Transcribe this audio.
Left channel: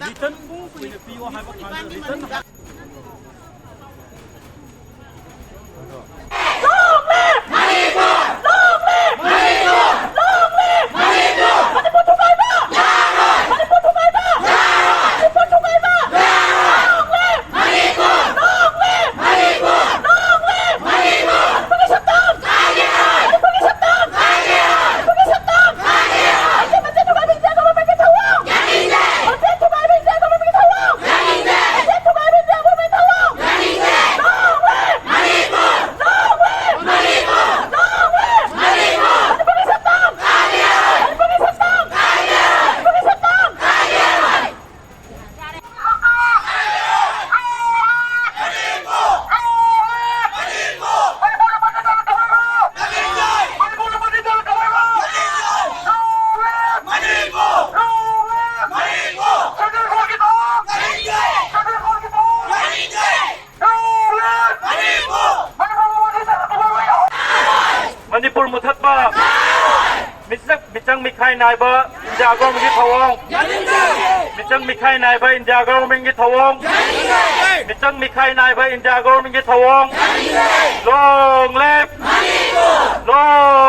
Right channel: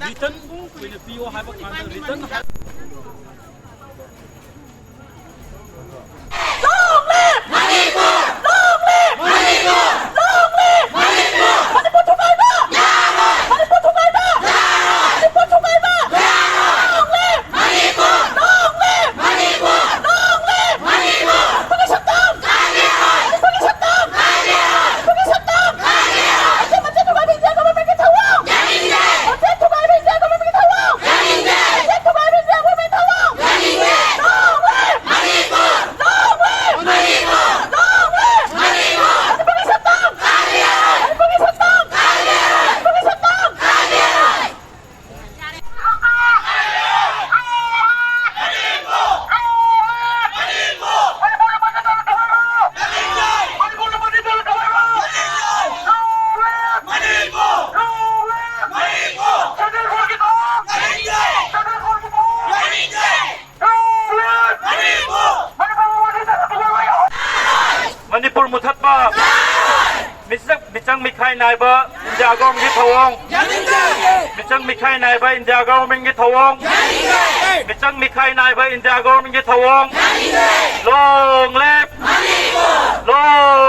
Written, in the PO have a written. Manipur Muthatma Michang Mikhai Naiba India government Thawong Michang Mikhai Naiba India government Thawong Michang Mikhai Naiba India government Thawong Long live Long